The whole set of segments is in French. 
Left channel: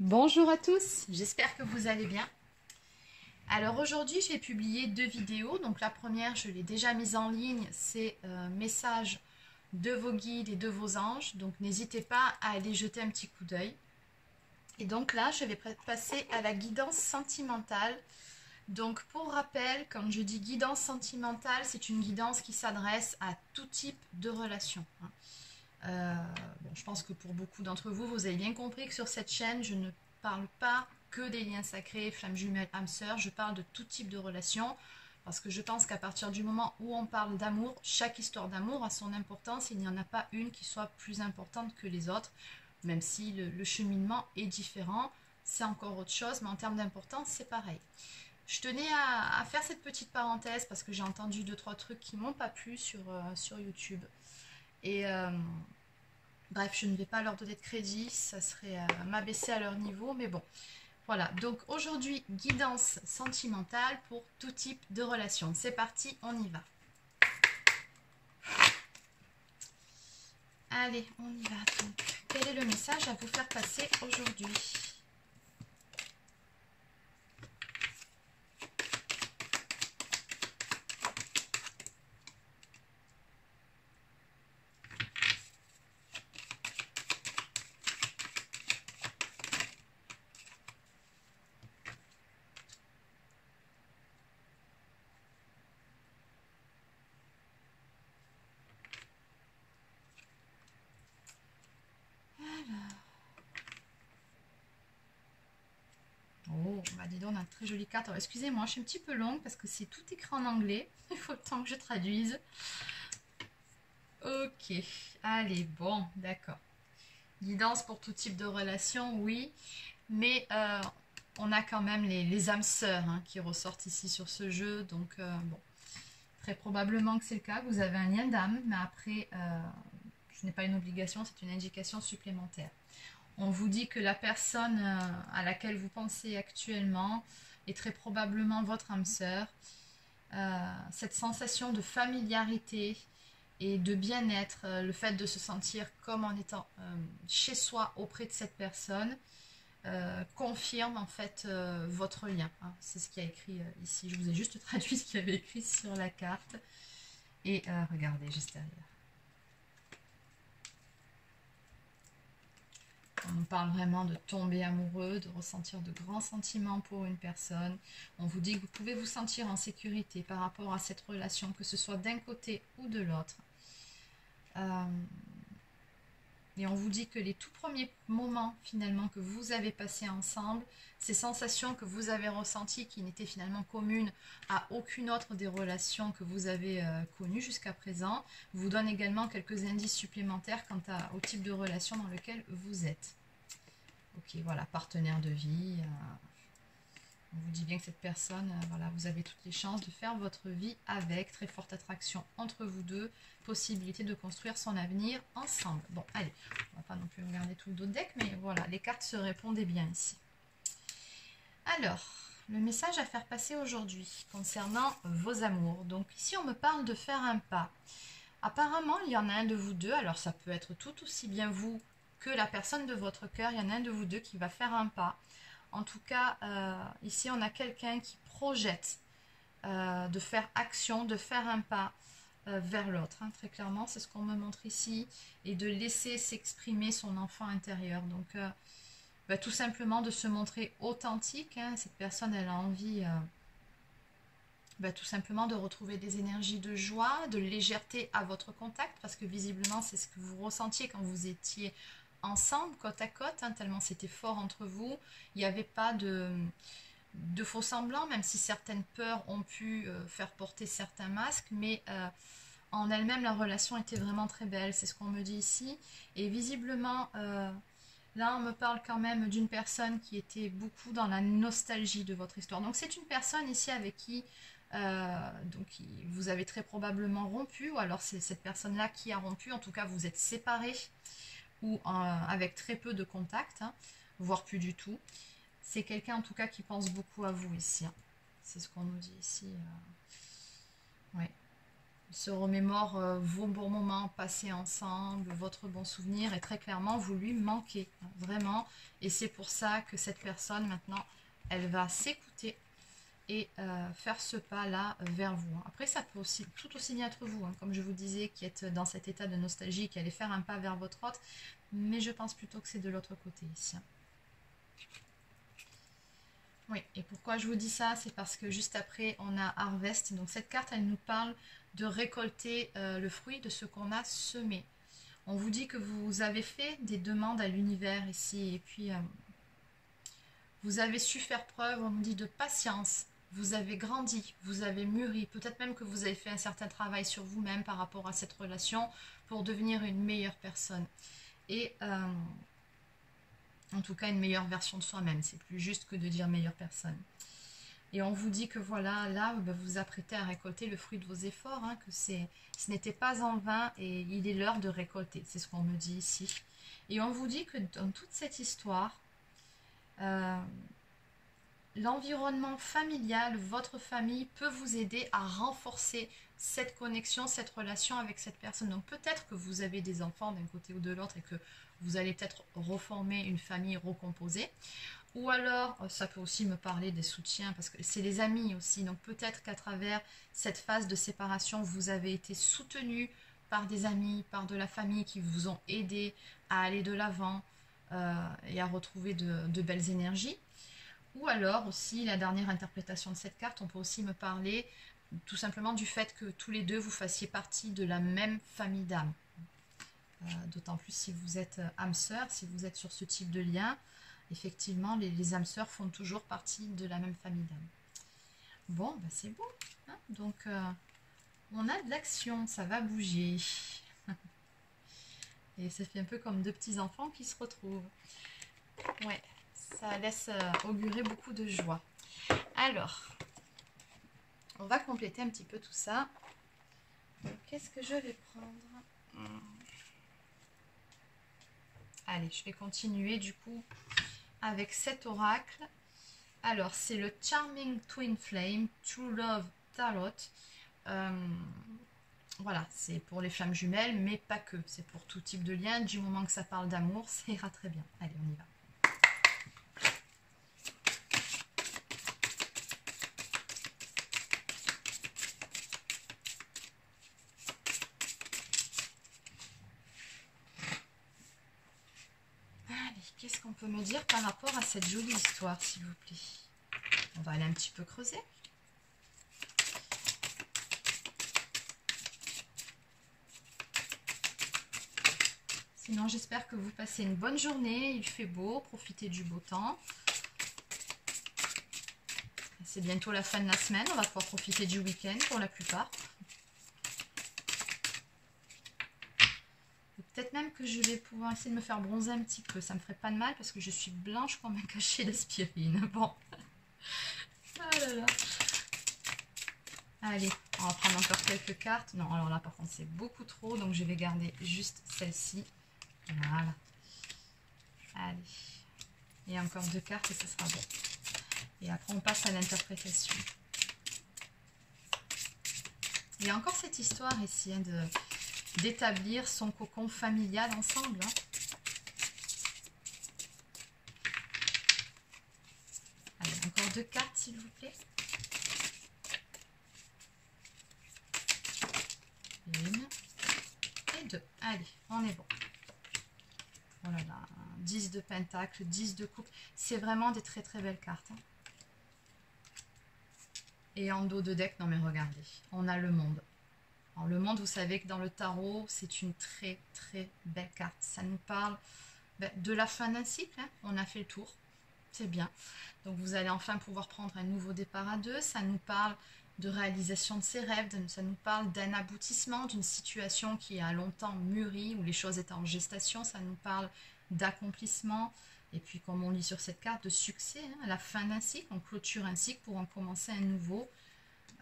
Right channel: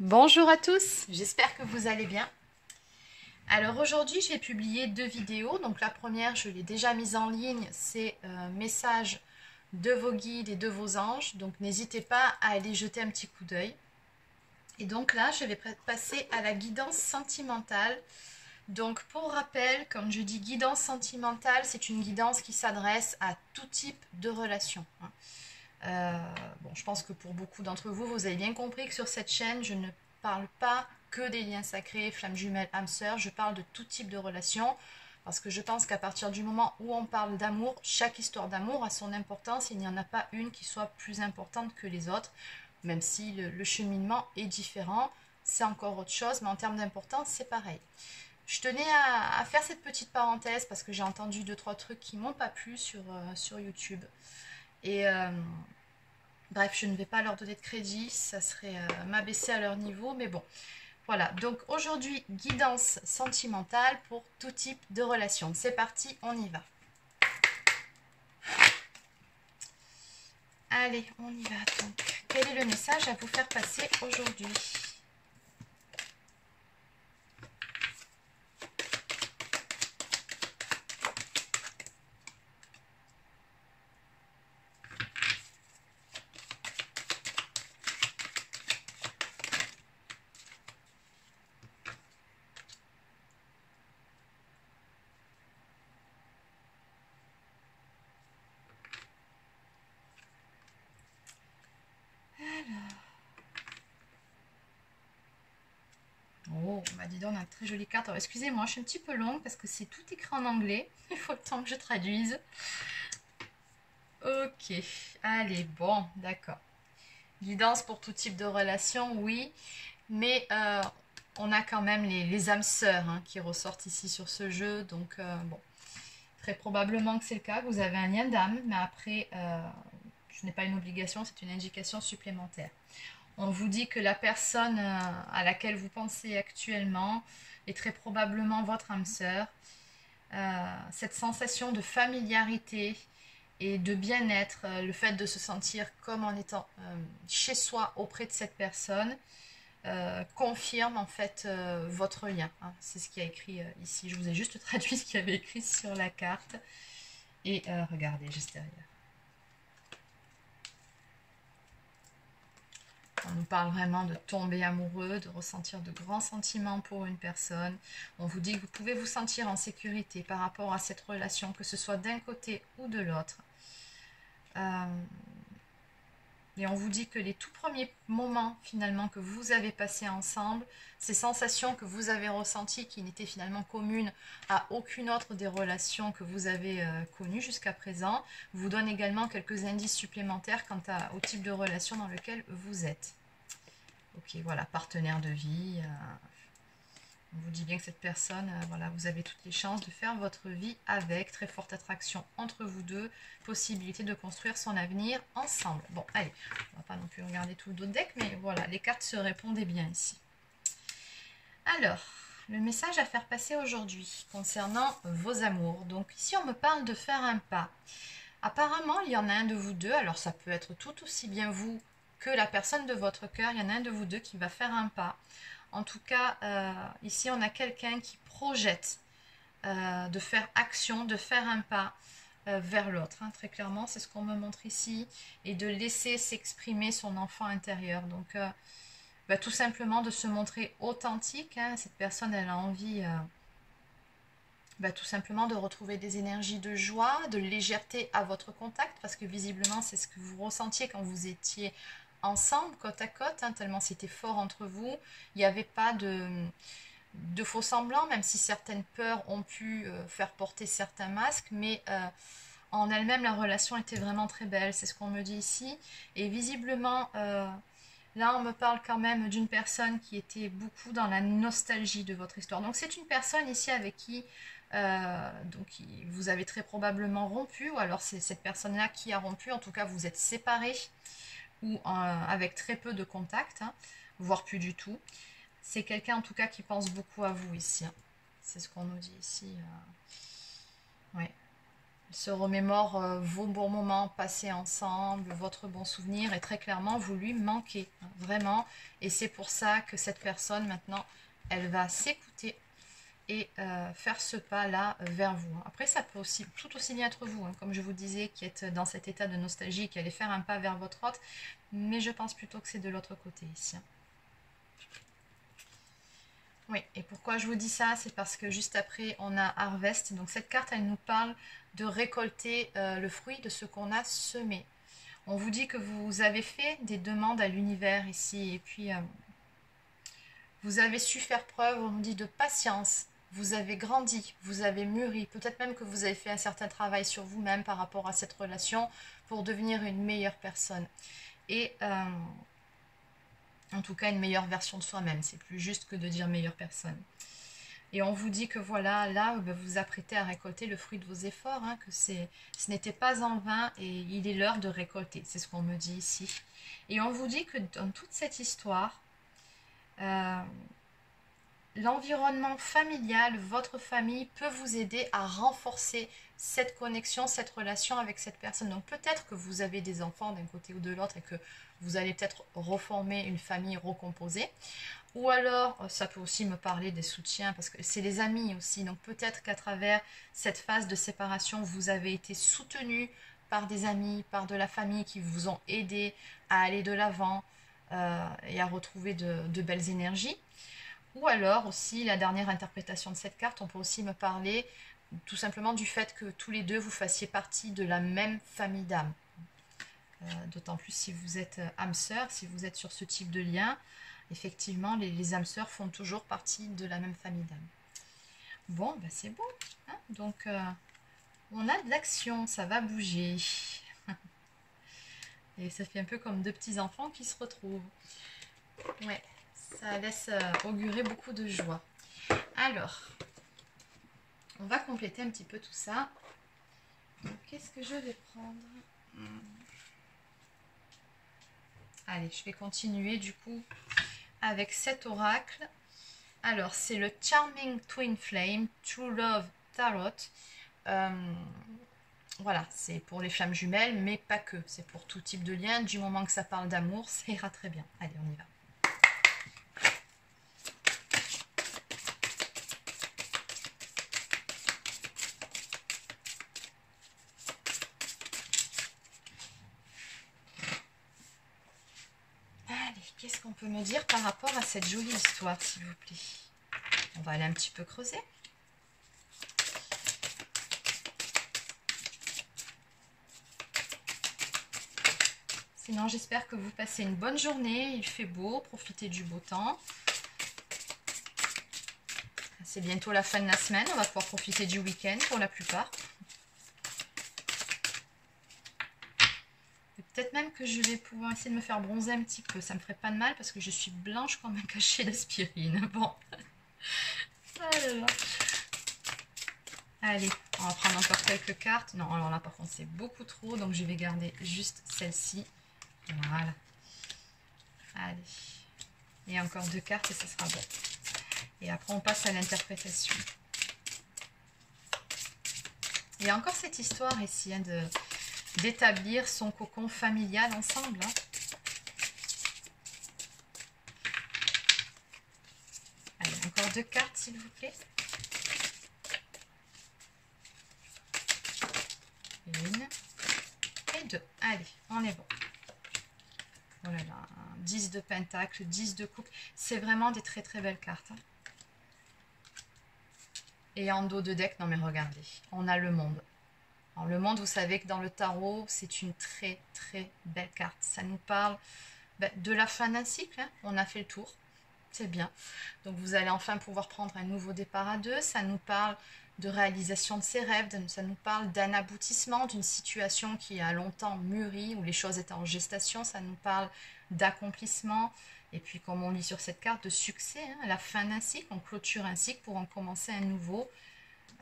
Bonjour à tous, j'espère que vous allez bien. Alors aujourd'hui, j'ai publié deux vidéos. Donc la première, je l'ai déjà mise en ligne, c'est un message de vos guides et de vos anges. Donc n'hésitez pas à aller jeter un petit coup d'œil. Et donc là, je vais passer à la guidance sentimentale. Donc pour rappel, quand je dis guidance sentimentale, c'est une guidance qui s'adresse à tout type de relation. Bon, je pense que pour beaucoup d'entre vous, vous avez bien compris que sur cette chaîne, je ne parle pas que des liens sacrés, flammes jumelles, âmes sœurs, je parle de tout type de relation, parce que je pense qu'à partir du moment où on parle d'amour, chaque histoire d'amour a son importance, et il n'y en a pas une qui soit plus importante que les autres, même si le cheminement est différent, c'est encore autre chose, mais en termes d'importance, c'est pareil. Je tenais à faire cette petite parenthèse, parce que j'ai entendu 2-3 trucs qui m'ont pas plu sur YouTube. Et bref, je ne vais pas leur donner de crédit, ça serait m'abaisser à leur niveau, mais bon. Voilà, donc aujourd'hui, guidance sentimentale pour tout type de relation. C'est parti, on y va. Allez, on y va donc. Quel est le message à vous faire passer aujourd'hui ? Oh, bah dis donc, on a une très jolie carte. Alors, excusez-moi, je suis un petit peu longue parce que c'est tout écrit en anglais. Il faut le temps que je traduise. Ok, allez, bon, d'accord. Guidance pour tout type de relation, oui. Mais on a quand même les âmes sœurs qui ressortent ici sur ce jeu. Donc, bon, très probablement que c'est le cas. Vous avez un lien d'âme, mais après, ce n'est pas une obligation, c'est une indication supplémentaire. On vous dit que la personne à laquelle vous pensez actuellement est très probablement votre âme sœur. Cette sensation de familiarité et de bien-être, le fait de se sentir comme en étant chez soi auprès de cette personne, confirme en fait votre lien. C'est ce qui a écrit ici. Je vous ai juste traduit ce qu'il y avait écrit sur la carte. Et regardez juste derrière. On nous parle vraiment de tomber amoureux, de ressentir de grands sentiments pour une personne. On vous dit que vous pouvez vous sentir en sécurité par rapport à cette relation, que ce soit d'un côté ou de l'autre. Et on vous dit que les tout premiers moments finalement que vous avez passés ensemble, ces sensations que vous avez ressenties qui n'étaient finalement communes à aucune autre des relations que vous avez connues jusqu'à présent, vous donnent également quelques indices supplémentaires quant au type de relation dans lequel vous êtes. Ok, voilà, partenaire de vie. On vous dit bien que cette personne, voilà, vous avez toutes les chances de faire votre vie avec, très forte attraction entre vous deux, possibilité de construire son avenir ensemble. Bon, allez, on va pas non plus regarder tout le dos de deck, mais voilà, les cartes se répondaient bien ici. Alors, le message à faire passer aujourd'hui concernant vos amours. Donc ici, on me parle de faire un pas. Apparemment, il y en a un de vous deux, alors ça peut être tout aussi bien vous que la personne de votre cœur, il y en a un de vous deux qui va faire un pas. En tout cas, ici, on a quelqu'un qui projette de faire action, de faire un pas vers l'autre. Très clairement, c'est ce qu'on me montre ici. Et de laisser s'exprimer son enfant intérieur. Donc, tout simplement de se montrer authentique. Cette personne, elle a envie tout simplement de retrouver des énergies de joie, de légèreté à votre contact. Parce que visiblement, c'est ce que vous ressentiez quand vous étiez ensemble, côte à côte, tellement c'était fort entre vous. Il n'y avait pas de faux semblants, même si certaines peurs ont pu faire porter certains masques, mais en elle-même, la relation était vraiment très belle, c'est ce qu'on me dit ici. Et visiblement, là, on me parle quand même d'une personne qui était beaucoup dans la nostalgie de votre histoire. Donc, c'est une personne ici avec qui vous avez très probablement rompu, ou alors c'est cette personne-là qui a rompu, en tout cas, vous êtes séparés, ou avec très peu de contact, voire plus du tout. C'est quelqu'un en tout cas qui pense beaucoup à vous ici. C'est ce qu'on nous dit ici. Ouais. Il se remémore vos bons moments passés ensemble, votre bon souvenir, et très clairement, vous lui manquez, hein, vraiment. Et c'est pour ça que cette personne, maintenant, elle va s'écouter et faire ce pas-là vers vous. Après, ça peut aussi, tout aussi bien être vous, hein, comme je vous disais, qui êtes dans cet état de nostalgie, qui allez faire un pas vers votre autre, mais je pense plutôt que c'est de l'autre côté ici. Hein. Oui, et pourquoi je vous dis ça, c'est parce que juste après, on a Harvest. Donc cette carte, elle nous parle de récolter le fruit de ce qu'on a semé. On vous dit que vous avez fait des demandes à l'univers ici, et puis vous avez su faire preuve, on nous dit, de patience. Vous avez grandi, vous avez mûri. Peut-être même que vous avez fait un certain travail sur vous-même par rapport à cette relation pour devenir une meilleure personne. Et en tout cas, une meilleure version de soi-même. C'est plus juste que de dire meilleure personne. Et on vous dit que voilà, là, vous vous apprêtez à récolter le fruit de vos efforts, hein, que ce n'était pas en vain et il est l'heure de récolter. C'est ce qu'on me dit ici. Et on vous dit que dans toute cette histoire, l'environnement familial, votre famille peut vous aider à renforcer cette connexion, cette relation avec cette personne. Donc peut-être que vous avez des enfants d'un côté ou de l'autre et que vous allez peut-être reformer une famille recomposée. Ou alors, ça peut aussi me parler des soutiens, parce que c'est les amis aussi. Donc peut-être qu'à travers cette phase de séparation, vous avez été soutenu par des amis, par de la famille qui vous ont aidé à aller de l'avant et à retrouver de belles énergies. Ou alors aussi, la dernière interprétation de cette carte, on peut aussi me parler tout simplement du fait que tous les deux vous fassiez partie de la même famille d'âmes. D'autant plus si vous êtes âme sœur, si vous êtes sur ce type de lien, effectivement, les âmes sœurs font toujours partie de la même famille d'âmes. Bon, bah c'est beau. Hein, donc, on a de l'action, ça va bouger. Et ça fait un peu comme deux petits enfants qui se retrouvent. Ouais, ça laisse augurer beaucoup de joie. Alors, on va compléter un petit peu tout ça. Qu'est-ce que je vais prendre ? Allez, je vais continuer du coup avec cet oracle. Alors, c'est le Charming Twin Flame True Love Tarot. Voilà, c'est pour les flammes jumelles, mais pas que. C'est pour tout type de lien. Du moment que ça parle d'amour, ça ira très bien. Allez, on y va. Qu'est-ce qu'on peut me dire par rapport à cette jolie histoire, s'il vous plaît? On va aller un petit peu creuser. Sinon, j'espère que vous passez une bonne journée. Il fait beau, profitez du beau temps. C'est bientôt la fin de la semaine. On va pouvoir profiter du week-end pour la plupart. Peut-être même que je vais pouvoir essayer de me faire bronzer un petit peu. Ça me ferait pas de mal parce que je suis blanche comme un cachet d'aspirine. Bon. Ah là là. Allez, on va prendre encore quelques cartes. Non, alors là par contre c'est beaucoup trop. Donc je vais garder juste celle-ci. Voilà. Allez. Et encore deux cartes et ce sera bon. Et après on passe à l'interprétation. Il y a encore cette histoire ici hein, d'établir son cocon familial ensemble. Hein. Allez, encore deux cartes s'il vous plaît. Une et deux. Allez, on est bon. Oh là là, 10 de pentacle, 10 de coupe. C'est vraiment des très très belles cartes. Hein. Et en dos de deck, non mais regardez, on a le monde. Alors, le monde, vous savez que dans le tarot, c'est une très très belle carte. Ça nous parle de la fin d'un cycle. Hein. On a fait le tour. C'est bien. Donc vous allez enfin pouvoir prendre un nouveau départ à deux. Ça nous parle de réalisation de ses rêves. Ça nous parle d'un aboutissement, d'une situation qui a longtemps mûri, où les choses étaient en gestation. Ça nous parle d'accomplissement. Et puis comme on lit sur cette carte, de succès. Hein, la fin d'un cycle. On clôture un cycle pour en commencer un nouveau.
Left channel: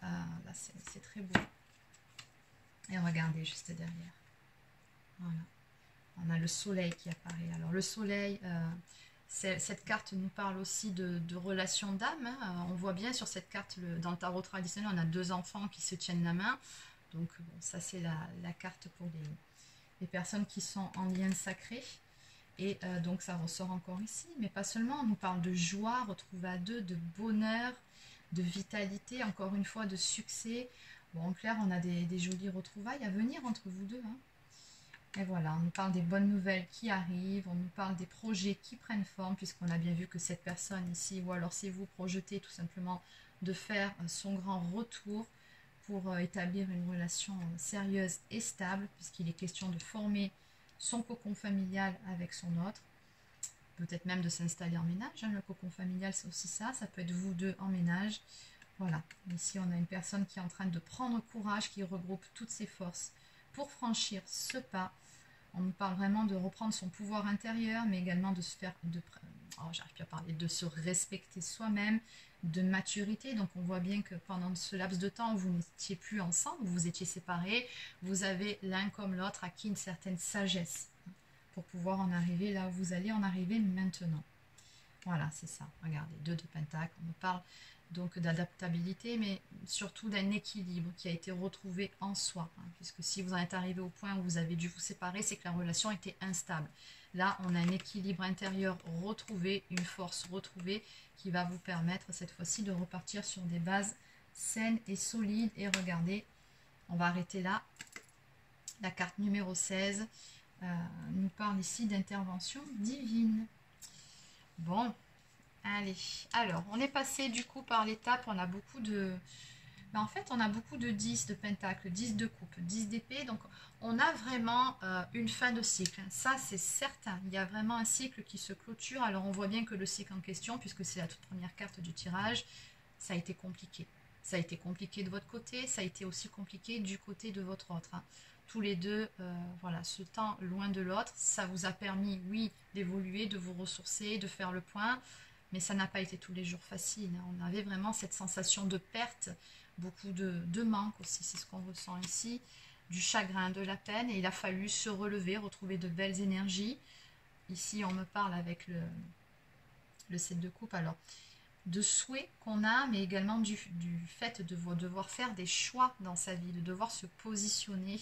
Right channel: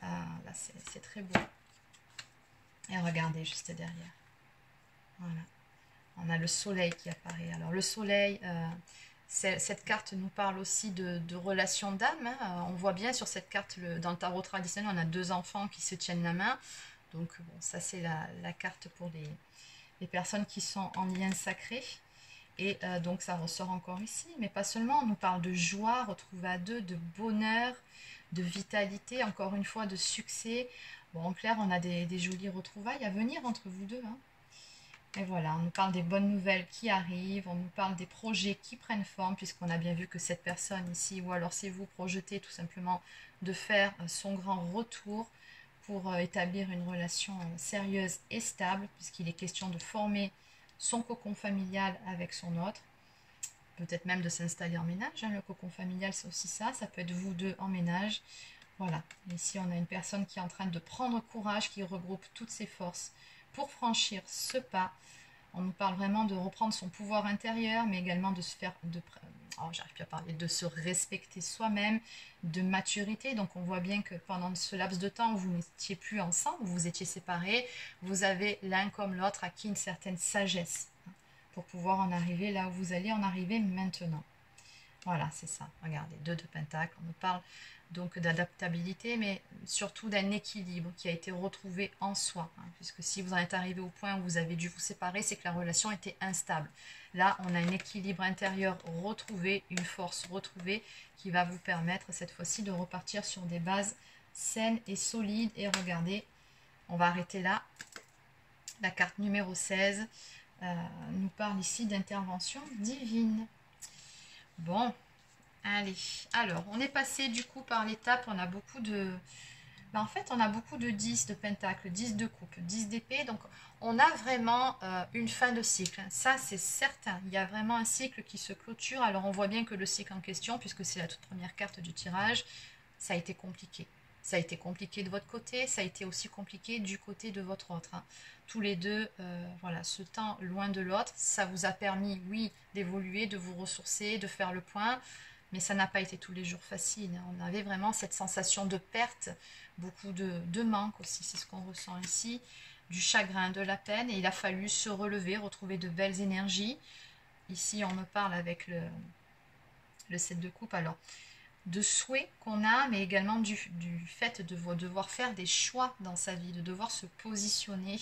Là, c'est très beau. Et regardez juste derrière. Voilà. On a le soleil qui apparaît. Alors le soleil, cette carte nous parle aussi de relations d'âme. Hein. On voit bien sur cette carte, dans le tarot traditionnel, on a deux enfants qui se tiennent la main. Donc bon, ça c'est la carte pour les personnes qui sont en lien sacré. Et donc ça ressort encore ici, mais pas seulement, on nous parle de joie, retrouvée à deux, de bonheur, de vitalité, encore une fois de succès. Bon, en clair, on a des jolies retrouvailles à venir entre vous deux. Hein. Et voilà, on nous parle des bonnes nouvelles qui arrivent, on nous parle des projets qui prennent forme, puisqu'on a bien vu que cette personne ici, ou alors si vous projetez tout simplement de faire son grand retour pour établir une relation sérieuse et stable, puisqu'il est question de former son cocon familial avec son autre, peut-être même de s'installer en ménage, hein, le cocon familial c'est aussi ça peut être vous deux en ménage, voilà. Ici on a une personne qui est en train de prendre courage, qui regroupe toutes ses forces pour franchir ce pas. On nous parle vraiment de reprendre son pouvoir intérieur, mais également de se faire, j'arrive plus à parler, de se respecter soi-même, de maturité. Donc on voit bien que pendant ce laps de temps où vous n'étiez plus ensemble, où vous étiez séparés, vous avez l'un comme l'autre acquis une certaine sagesse pour pouvoir en arriver là où vous allez en arriver maintenant. Voilà, c'est ça. Regardez, 2 de Pentacle. On me parle donc d'adaptabilité, mais surtout d'un équilibre qui a été retrouvé en soi. Hein, puisque si vous en êtes arrivé au point où vous avez dû vous séparer, c'est que la relation était instable. Là, on a un équilibre intérieur retrouvé, une force retrouvée qui va vous permettre cette fois-ci de repartir sur des bases saines et solides. Et regardez, on va arrêter là. La carte numéro 16 nous parle ici d'intervention divine. Bon, allez. Alors, on est passé du coup par l'étape, on a beaucoup de... en fait, on a beaucoup de 10 de pentacle, 10 de coupe, 10 d'épée. Donc, on a vraiment une fin de cycle. Ça, c'est certain. Il y a vraiment un cycle qui se clôture. Alors, on voit bien que le cycle en question, puisque c'est la toute première carte du tirage, ça a été compliqué. Ça a été compliqué de votre côté, ça a été aussi compliqué du côté de votre autre. Hein. Tous les deux, voilà, ce temps loin de l'autre, ça vous a permis, oui, d'évoluer, de vous ressourcer, de faire le point, mais ça n'a pas été tous les jours facile. Hein. On avait vraiment cette sensation de perte, beaucoup de manque aussi, c'est ce qu'on ressent ici, du chagrin, de la peine, et il a fallu se relever, retrouver de belles énergies. Ici, on me parle avec le 7 de coupe, alors de souhaits qu'on a, mais également du fait de devoir faire des choix dans sa vie, de devoir se positionner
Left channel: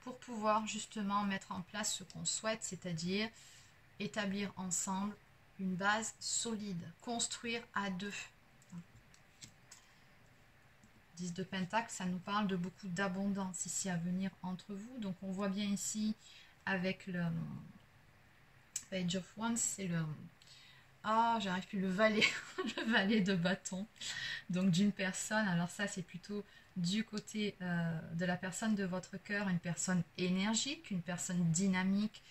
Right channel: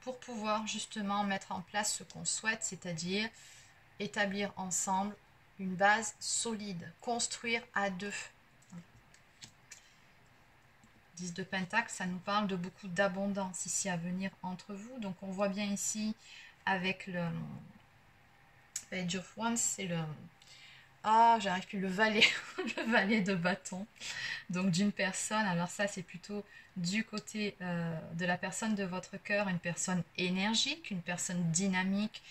pour pouvoir justement mettre en place ce qu'on souhaite, c'est-à-dire établir ensemble une base solide, construire à deux. 10 de Pentacle, ça nous parle de beaucoup d'abondance ici à venir entre vous. Donc on voit bien ici avec le Page of Wands, c'est le... Ah, j'arrive plus, le valet, le valet de bâton. Donc d'une personne, alors ça c'est plutôt du côté de la personne de votre cœur, une personne énergique, une personne dynamique,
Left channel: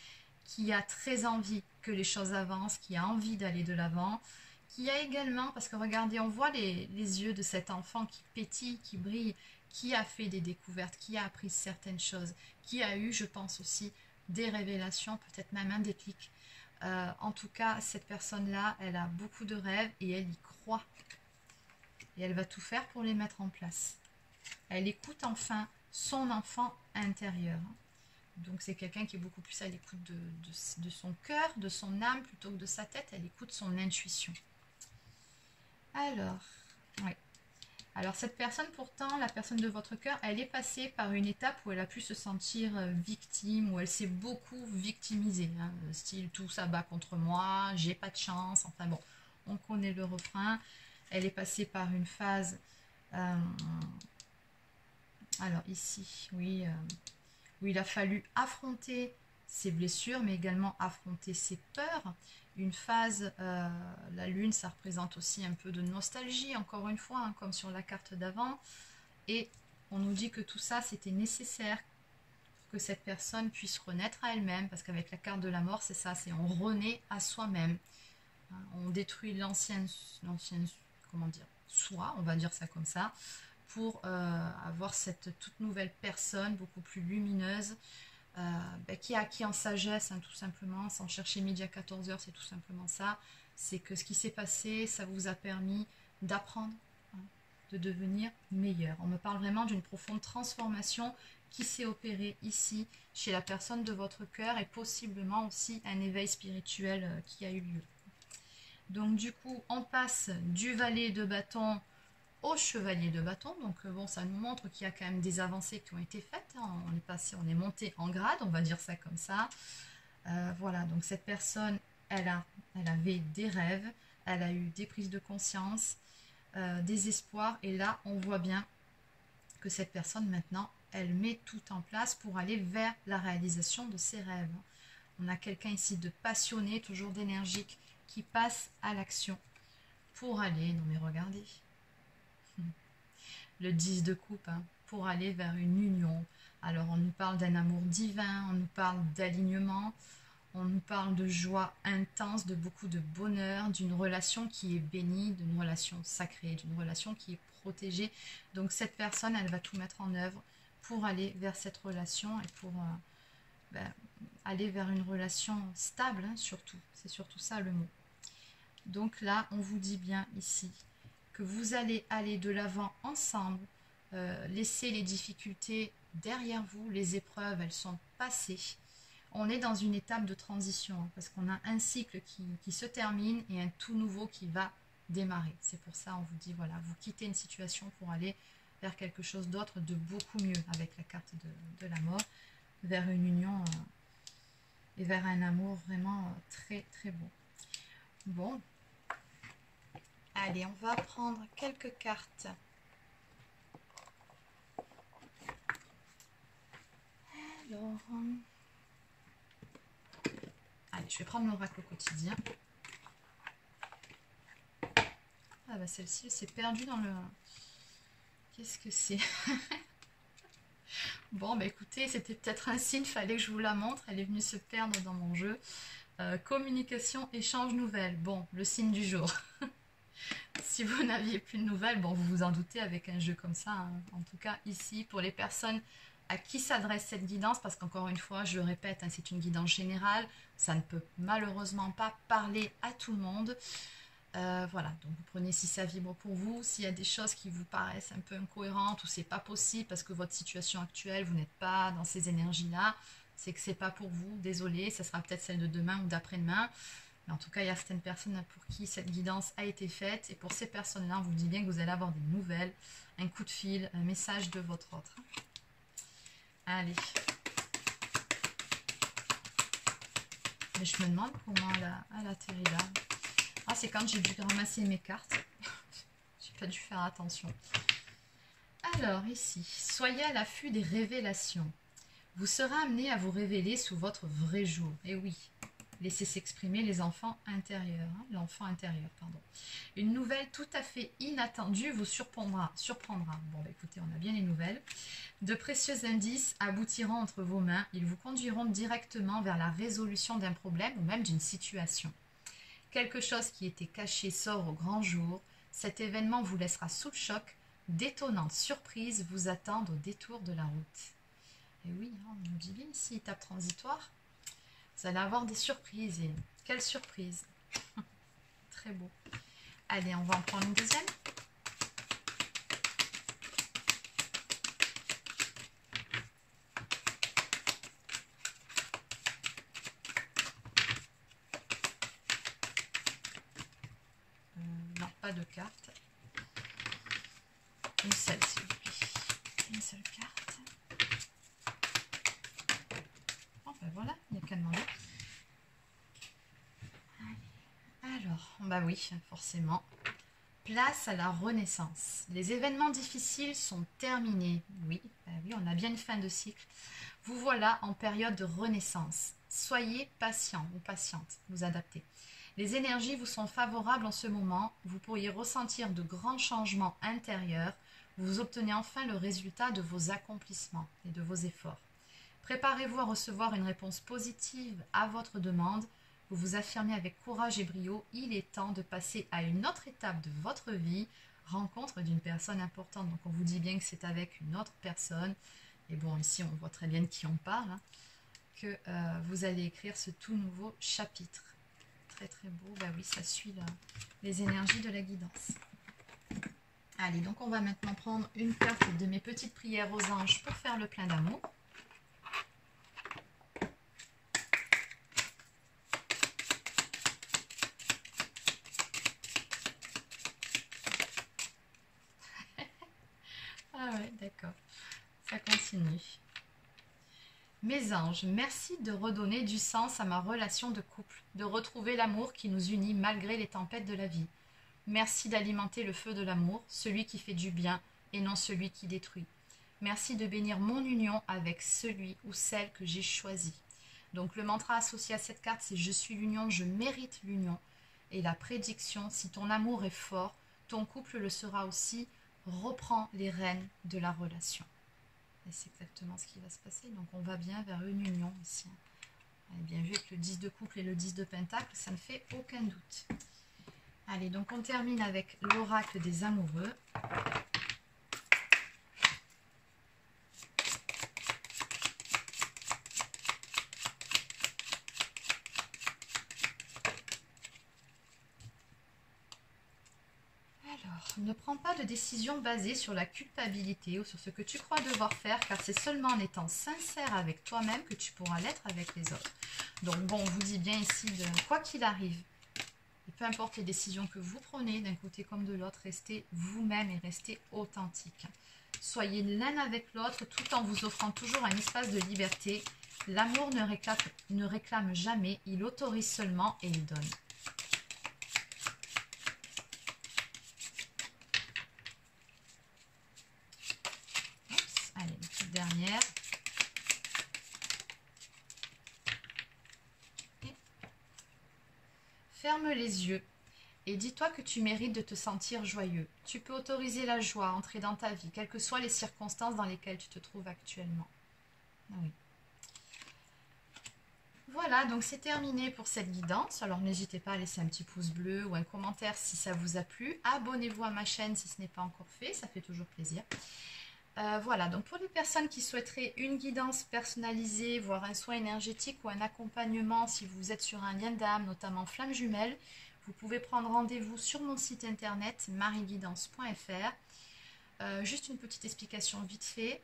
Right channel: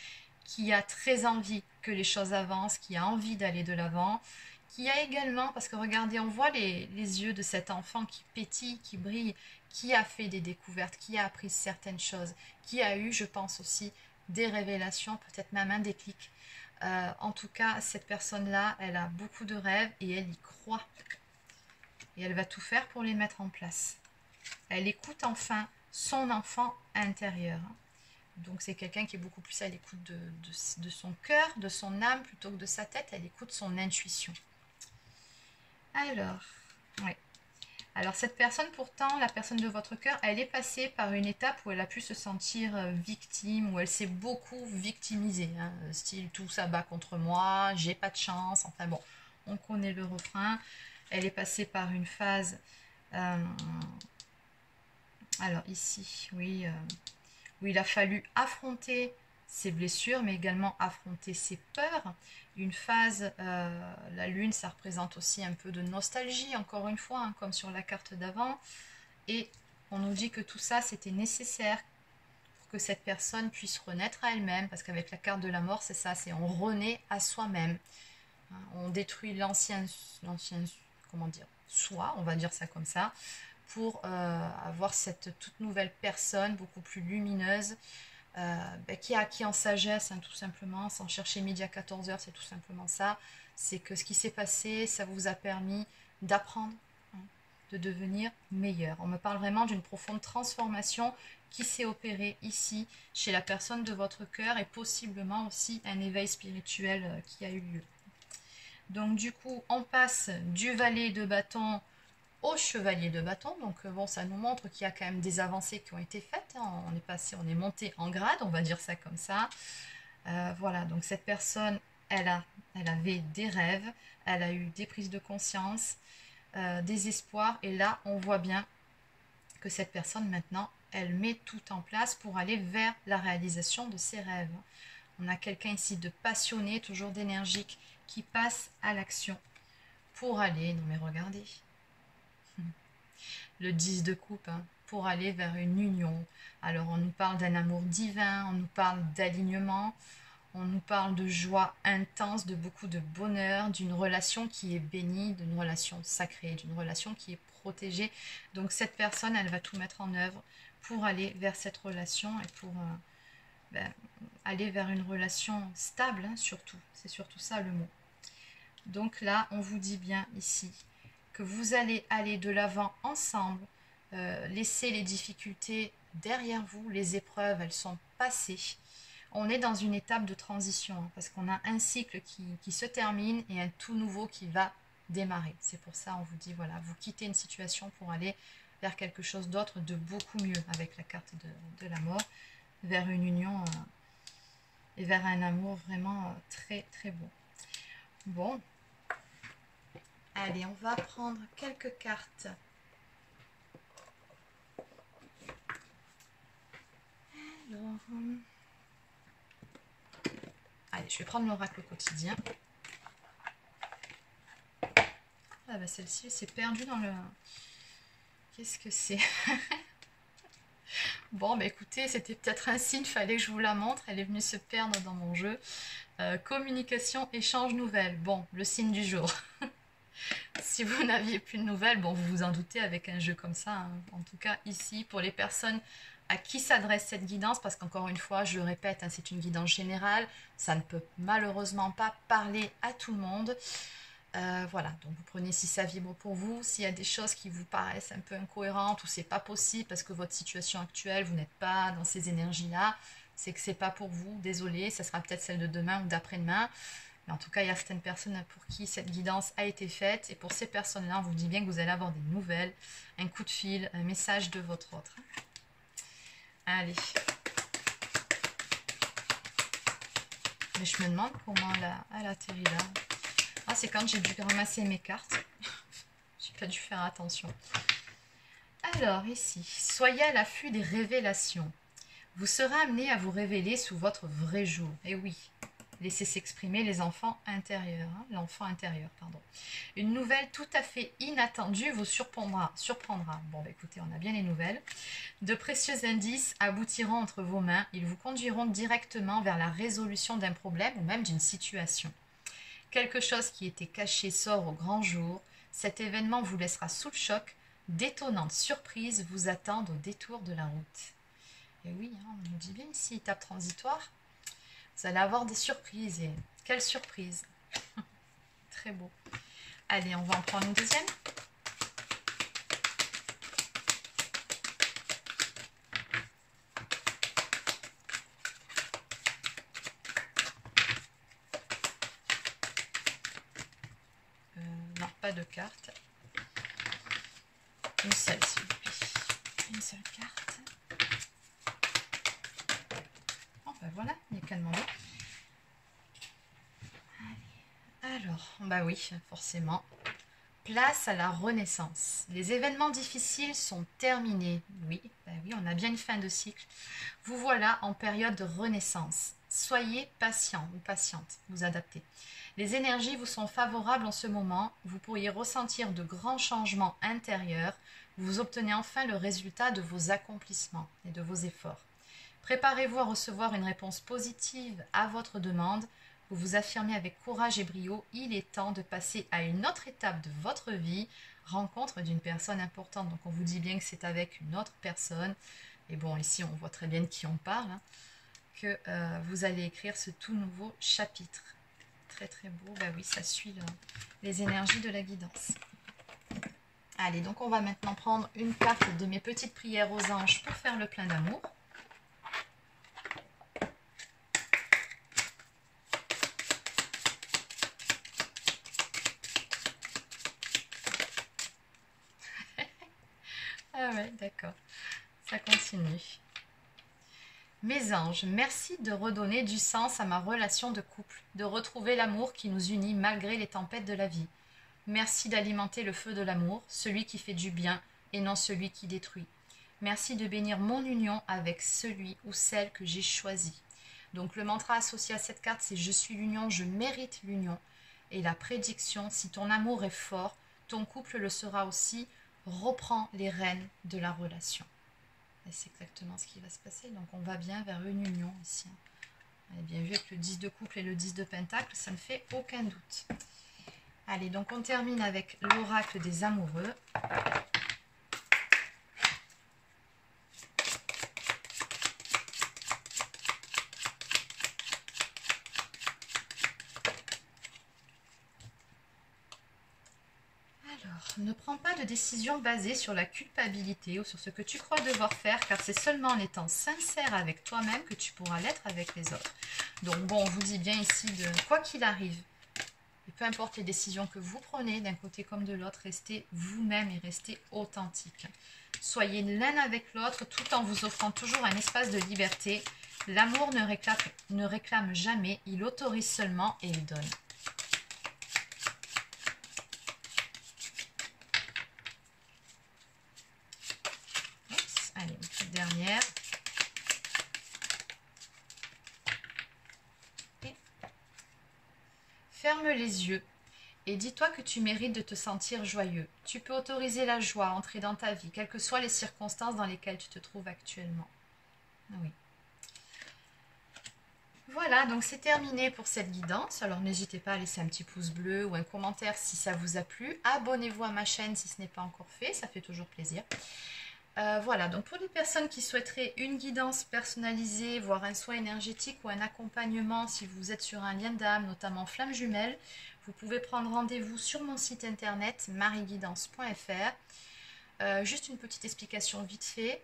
qui a très envie que les choses avancent, qui a envie d'aller de l'avant, qui a également, parce que regardez, on voit les yeux de cet enfant qui pétille, qui brille, qui a fait des découvertes, qui a appris certaines choses, qui a eu, je pense aussi, des révélations, peut-être même un déclic. En tout cas, cette personne-là, elle a beaucoup de rêves et elle y croit. Et elle va tout faire pour les mettre en place. Elle écoute enfin son enfant intérieur. Donc c'est quelqu'un qui est beaucoup plus à l'écoute de son cœur, de son âme, plutôt que de sa tête. Elle écoute son intuition. Alors, ouais. Alors cette personne pourtant, la personne de votre cœur, elle est passée par une étape où elle a pu se sentir victime, où elle s'est beaucoup victimisée. Hein, style tout ça bat contre moi, j'ai pas de chance, enfin bon, on connaît le refrain. Elle est passée par une phase... alors ici, oui, où il a fallu affronter ses blessures, mais également affronter ses peurs. Une phase, la lune, ça représente aussi un peu de nostalgie, encore une fois, hein, comme sur la carte d'avant. Et on nous dit que tout ça, c'était nécessaire pour que cette personne puisse renaître à elle-même, parce qu'avec la carte de la mort, c'est ça, c'est on renaît à soi-même. Hein, on détruit l'ancien, comment dire, soi, on va dire ça comme ça, pour avoir cette toute nouvelle personne, beaucoup plus lumineuse, qui a acquis en sagesse, hein, tout simplement, sans chercher midi à 14 h, c'est tout simplement ça. C'est que ce qui s'est passé, ça vous a permis d'apprendre, hein, de devenir meilleur. On me parle vraiment d'une profonde transformation qui s'est opérée ici, chez la personne de votre cœur, et possiblement aussi un éveil spirituel qui a eu lieu. Donc du coup, on passe du valet de bâton au chevalier de bâton. Donc bon, ça nous montre qu'il y a quand même des avancées qui ont été faites. Hein. On est passé, on est monté en grade, on va dire ça comme ça. Voilà, donc cette personne, elle avait des rêves, elle a eu des prises de conscience, des espoirs. Et là, on voit bien que cette personne, maintenant, elle met tout en place pour aller vers la réalisation de ses rêves. On a quelqu'un ici de passionné, toujours d'énergique, qui passe à l'action pour aller, non mais regardez, le 10 de coupe, hein, pour aller vers une union. Alors on nous parle d'un amour divin, on nous parle d'alignement, on nous parle de joie intense, de beaucoup de bonheur, d'une relation qui est bénie, d'une relation sacrée, d'une relation qui est protégée. Donc cette personne, elle va tout mettre en œuvre pour aller vers cette relation et pour aller vers une relation stable, hein, surtout. C'est surtout ça le mot. Donc là, on vous dit bien ici que vous allez aller de l'avant ensemble, laisser les difficultés derrière vous, les épreuves, elles sont passées. On est dans une étape de transition, hein, parce qu'on a un cycle qui se termine et un tout nouveau qui va démarrer. C'est pour ça on vous dit, voilà, vous quittez une situation pour aller vers quelque chose d'autre, de beaucoup mieux, avec la carte de la mort, vers une union et vers un amour vraiment très très beau. Bon, allez, on va prendre quelques cartes. Alors, allez, je vais prendre l'oracle quotidien. Ah bah celle-ci s'est perdue dans le... Qu'est-ce que c'est? Bon, bah écoutez, c'était peut-être un signe, fallait que je vous la montre. Elle est venue se perdre dans mon jeu. Communication, échange, nouvelles. Bon, le signe du jour. Si vous n'aviez plus de nouvelles, bon, vous vous en doutez avec un jeu comme ça. Hein. En tout cas, ici, pour les personnes à qui s'adresse cette guidance, parce qu'encore une fois, je le répète, hein, c'est une guidance générale. Ça ne peut malheureusement pas parler à tout le monde. Voilà, donc vous prenez si ça vibre pour vous, s'il y a des choses qui vous paraissent un peu incohérentes ou c'est pas possible parce que votre situation actuelle, vous n'êtes pas dans ces énergies-là, c'est que c'est pas pour vous, désolé, ça sera peut-être celle de demain ou d'après-demain, mais en tout cas, il y a certaines personnes pour qui cette guidance a été faite et pour ces personnes-là, on vous dit bien que vous allez avoir des nouvelles, un coup de fil, un message de votre autre. Allez. Mais je me demande comment elle atterrit là. Ah, c'est quand j'ai dû ramasser mes cartes. J'ai pas dû faire attention. Alors, ici, soyez à l'affût des révélations. Vous serez amené à vous révéler sous votre vrai jour. Et oui, laissez s'exprimer les enfants intérieurs. Hein, l'enfant intérieur, pardon. Une nouvelle tout à fait inattendue vous surprendra. Bon, bah, écoutez, on a bien les nouvelles. De précieux indices aboutiront entre vos mains. Ils vous conduiront directement vers la résolution d'un problème ou même d'une situation. Quelque chose qui était caché sort au grand jour. Cet événement vous laissera sous le choc. D'étonnantes surprises vous attendent au détour de la route. Et oui, hein, on nous dit bien ici, étape transitoire. Vous allez avoir des surprises. Et quelle surprise! Très beau. Allez, on va en prendre une deuxième. Non, pas de carte. Une seule, s'il vous plaît. Une seule carte. Bon, ben voilà, il n'y a qu'à demander. Alors, bah oui, forcément. Place à la renaissance. Les événements difficiles sont terminés. Oui, bah oui, on a bien une fin de cycle. Vous voilà en période de renaissance. Soyez patient ou patiente, vous adaptez. Les énergies vous sont favorables en ce moment. Vous pourriez ressentir de grands changements intérieurs. Vous obtenez enfin le résultat de vos accomplissements et de vos efforts. Préparez-vous à recevoir une réponse positive à votre demande. Vous vous affirmez avec courage et brio. Il est temps de passer à une autre étape de votre vie. Rencontre d'une personne importante. Donc on vous dit bien que c'est avec une autre personne. Et bon, ici on voit très bien de qui on parle. Hein, que vous allez écrire ce tout nouveau chapitre. Très très beau. Bah oui, ça suit les énergies de la guidance. Allez, donc on va maintenant prendre une carte de mes petites prières aux anges pour faire le plein d'amour. Oui, d'accord. Ça continue. Mes anges, merci de redonner du sens à ma relation de couple, de retrouver l'amour qui nous unit malgré les tempêtes de la vie. Merci d'alimenter le feu de l'amour, celui qui fait du bien et non celui qui détruit. Merci de bénir mon union avec celui ou celle que j'ai choisi. Donc le mantra associé à cette carte, c'est « Je suis l'union, je mérite l'union ». Et la prédiction, si ton amour est fort, ton couple le sera aussi, reprends les rênes de la relation. Et c'est exactement ce qui va se passer. Donc on va bien vers une union ici. Vous avez bien vu avec le 10 de couple et le 10 de pentacle, ça ne fait aucun doute. Allez, donc on termine avec l'oracle des amoureux. Ne prends pas de décision basée sur la culpabilité ou sur ce que tu crois devoir faire, car c'est seulement en étant sincère avec toi-même que tu pourras l'être avec les autres. Donc bon, on vous dit bien ici, quoi qu'il arrive, et peu importe les décisions que vous prenez, d'un côté comme de l'autre, restez vous-même et restez authentique. Soyez l'un avec l'autre tout en vous offrant toujours un espace de liberté. L'amour ne réclame jamais, il autorise seulement et il donne. Allez, une petite dernière. Et ferme les yeux et dis-toi que tu mérites de te sentir joyeux. Tu peux autoriser la joie à entrer dans ta vie, quelles que soient les circonstances dans lesquelles tu te trouves actuellement. Oui. Voilà, donc c'est terminé pour cette guidance. Alors n'hésitez pas à laisser un petit pouce bleu ou un commentaire si ça vous a plu. Abonnez-vous à ma chaîne si ce n'est pas encore fait, ça fait toujours plaisir. Voilà, donc pour les personnes qui souhaiteraient une guidance personnalisée, voire un soin énergétique ou un accompagnement, si vous êtes sur un lien d'âme, notamment flamme jumelle, vous pouvez prendre rendez-vous sur mon site internet marieguidance.fr. Juste une petite explication vite fait.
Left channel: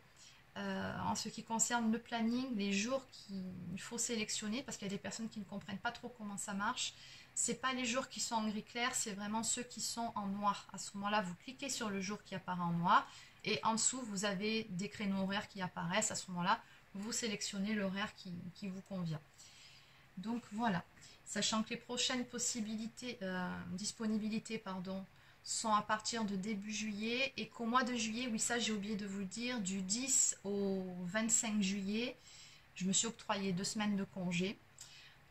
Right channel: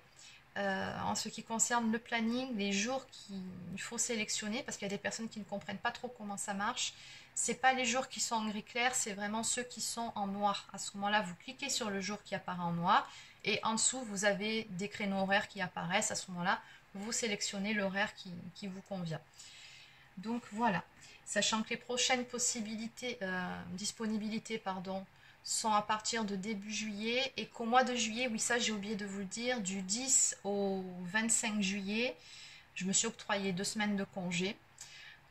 En ce qui concerne le planning, les jours qu'il faut sélectionner, parce qu'il y a des personnes qui ne comprennent pas trop comment ça marche, c'est pas les jours qui sont en gris clair, c'est vraiment ceux qui sont en noir. À ce moment-là, vous cliquez sur le jour qui apparaît en noir et en dessous, vous avez des créneaux horaires qui apparaissent. À ce moment-là, vous sélectionnez l'horaire qui vous convient. Donc voilà, sachant que les prochaines disponibilités sont à partir de début juillet et qu'au mois de juillet, oui ça j'ai oublié de vous le dire, du 10 au 25 juillet, je me suis octroyé 2 semaines de congé,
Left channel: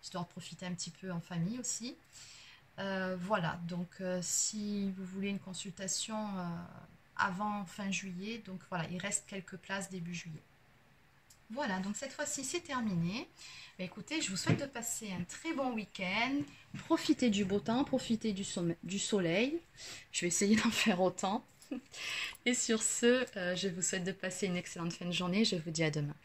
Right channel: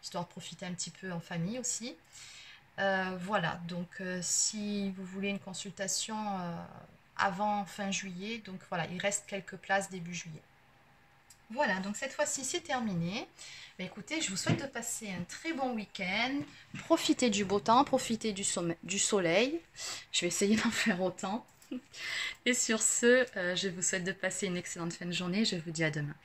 histoire de profiter un petit peu en famille aussi. Voilà, donc si vous voulez une consultation avant fin juillet, donc voilà, il reste quelques places début juillet. Voilà, donc cette fois-ci c'est terminé. Bah, écoutez, je vous souhaite de passer un très bon week-end. Profitez du beau temps, profitez du soleil. Je vais essayer d'en faire autant. Et sur ce, je vous souhaite de passer une excellente fin de journée. Je vous dis à demain.